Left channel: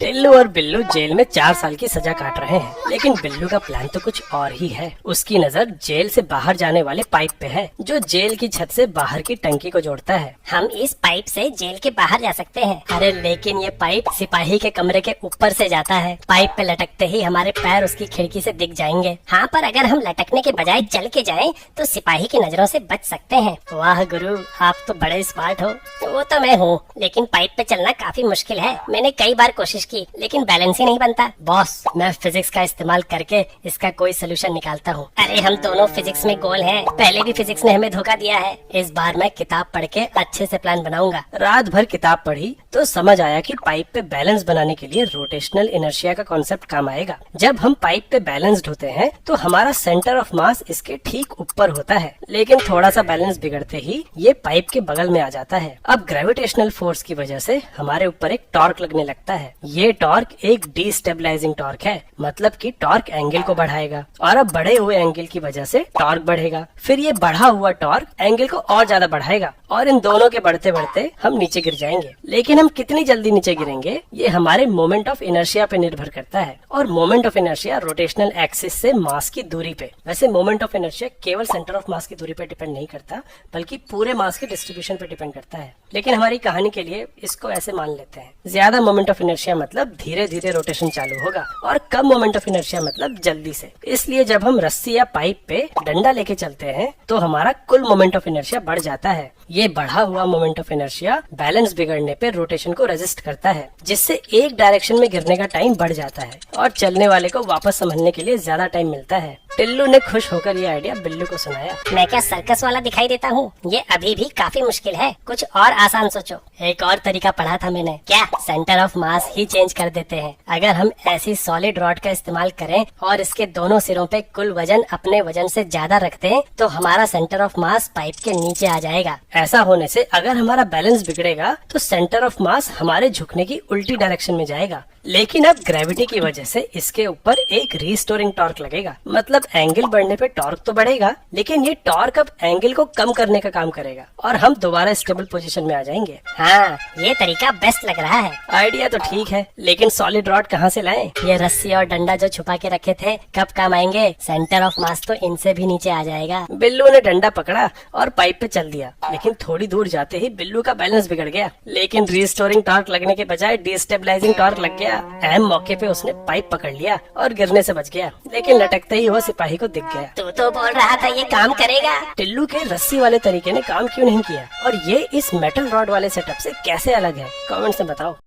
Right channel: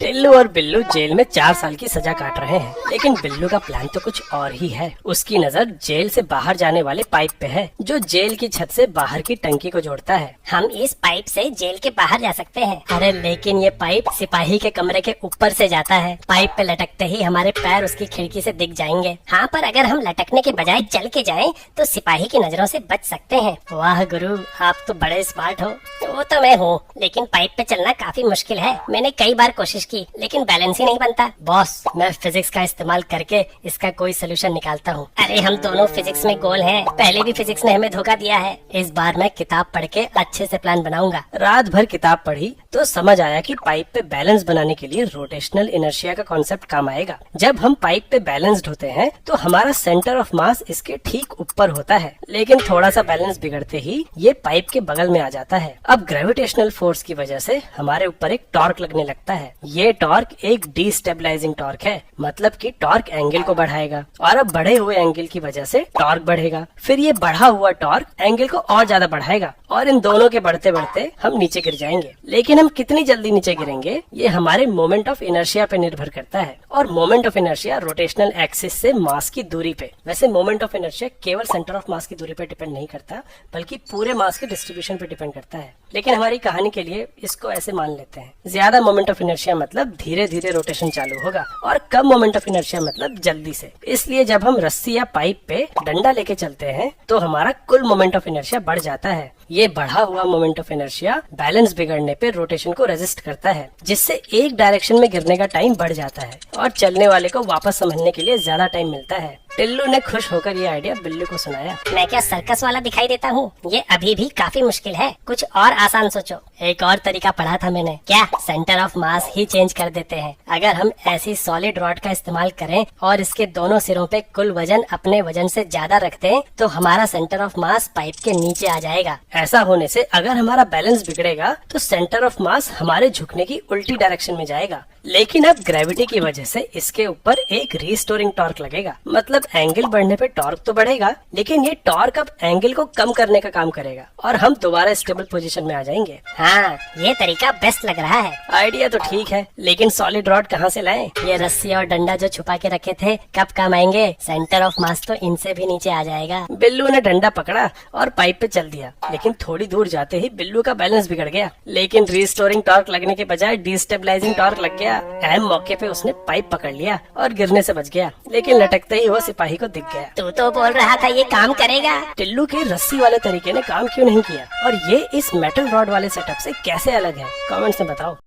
टिल्लू और बिल्लू जेल में 4 साल की सजा काट रहे हैं, लेकिन बिल्लू का प्लान तो कुछ और ही है। उसकी नजर जेल से बाहर जाने वाले पाइप पे है, जो जेल की छत से बाहर की टंकी को जोड़ता है। हम इस पाइप से जेल के बाहर जा सकते हैं। अरे लेकिन ये पाइप सिपाही के कमरे के ऊपर से जाता है। पाइप पे लटकते ही हमारे पैर उसकी खिड़की से दिख जाएंगे। हाँ, पर अगर हम लटकने के बजाय चल के जाएं, तो सिपाही की नजरों से बच सकते हैं। वाह गुरु, आप तो बड़े स्मार्ट हो। वो तो मैं हूँ, लेकिन पाइप पे चलना काफी मुश्किल है। मैंने कई बार कोशिश की, लेकिन बैलेंस ही नहीं बनता। बॉस, मैं फिजिक्स का इस्तेमाल करके इसका कोई सोल्यूशन निकालता हूँ। अरे हम दोनों फिजिक्स में गोल हैं। पहले भी फिजिक्स ने हमें धोखा दिया है। इस बार मैं किताब पढ़ के अच्छे से प्लान बनाऊंगा। रात भर किताब पढ़ी तो समझ आया कि पाइप पे बैलेंस बनाने के लिए रोटेशनल इनर्शिया का कॉन्सेप्ट काम आएगा। जब हम पाइप पे बैलेंस्ड होते हैं तो हमारा सेंटर ऑफ मास इसके ठीक ऊपर होता है, लेकिन थोड़ा सा बैलेंस बिगड़ते ही ये पाइप के बगल में आ जाता है। अब ग्रेविटेशनल फोर्स की वजह से हमारे ऊपर एक टॉर्क लगने लगता है। ये टॉर्क एक डीस्टेबलाइजिंग टॉर्क है, मतलब कि टॉर्क एंगल को बढ़ाएगा, और अब बढ़े हुए एंगल की वजह से टॉर्क बढ़ेगा। फिर ये बढ़ा हुआ टॉर्क एंगल को और ज्यादा बढ़ाएगा, और इन दोनों के बढ़ते बढ़ते हम नीचे गिर जाएंगे। लेकिन हम कितनी जल्दी नीचे गिरेंगे ये हमारे मोमेंट ऑफ इनर्शिया पे निर्भर करता है, और moment of inertia rotational axis से मास की दूरी पे। वैसे मोमेंट ऑफ इनर्शिया केवल सेंटर ऑफ मास की दूरी पे डिपेंड नहीं करता, बल्कि पूरे मास के डिस्ट्रीब्यूशन पे डिपेंड करता है। लेकिन हमारी कहानी के लिए इसको ऐसे मान लेते हैं, ज्यादा मोमेंट ऑफ इनर्शिया मतलब धीरे धीरे रोटेशन चालू होगा, और कम मोमेंट ऑफ इनर्शिया मतलब जल्दी से। इसलिए जब हम रस्सी या पाइप पे डंडा लेके चलते हैं तो हमारा कुल मोमेंट ऑफ इनर्शिया बढ़ जाता है। ये बढ़ा हुआ मोमेंट ऑफ इनर्शिया बैलेंस बिगड़ने पे रोटेशन को रेजिस्ट करता है, जिससे एक डायरेक्शन में गिरने का टाइम बढ़ जाता है और चलने वाले को वापस संभलने के लिए ज्यादा टाइम मिलता है। टिल्लू ने खुश होकर ये आइडिया बिल्लू को सुनाया। मैं क्या सर्कस वाला दिखाई देता हूँ? ये अभी भी काफी मुश्किल है, कुछ और आसान सोचो। एक और तरीका पढ़ा था मैंने। क्या? Centre of mass he change कर देते हैं। अगर हम ऐसी सॉलिड रॉड का इस्तेमाल करें और इसके दोनों सिरों पे कुल वजन अपने वजन से ज्यादा रख दें, तो हमारा सेंटर ऑफ मास पाइप के नीचे आ जाएगा। ऐसा होने से अगर हमारा बैलेंस बिगड़ेगा तो सेंटर ऑफ मास हमारे झुकने की उल्टी डायरेक्शन में जाएगा। लेकिन अब ग्रेविटी की वजह से इसके ऊपर एक रीस्टोरिंग टॉर्क लगेगा, मतलब एंगल बढ़ने पे टॉर्क तो बढ़ेगा, लेकिन ये टॉर्क अब एंगल को कम करने का काम करेगा और हम दोबारा स्टेबल पोजीशन में आ जाएंगे। हाँ, ये तरीका बेस्ट लग रहा है। आइडिया तो ठीक है, लेकिन सॉलिड रॉड कहाँ से लाएं? ये रस्सी और डंडा जो छुपा के रखे थे कब काम आएंगे? सेंटर ऑफ मास तो इनसे भी नीचे आ जाएगा। बिल्लू ने डंडा पकड़ा और पाइप पे चल दिया, लेकिन थोड़ी दूर जाते ही बिल्लू का बैलेंस बिगड़ गया। लेकिन रीस्टोरिंग टॉर्क लगने के बजाय डिस्टेबलाइजिंग टॉर्क लग गया। अहम मौके पे उसने पाइप पकड़ लिया और गिरने से बच गया, लेकिन लटकते ही वो सिपाही को दिख गया। तू तो बोल रहा था ये काम करेगा। टिल्लू के रस्सी वाले तरीके ने काम क्यों नहीं किया, और ये इस मेटल रॉड वाले सेटअप से कैसे अलग है? कमेंट से बताओ।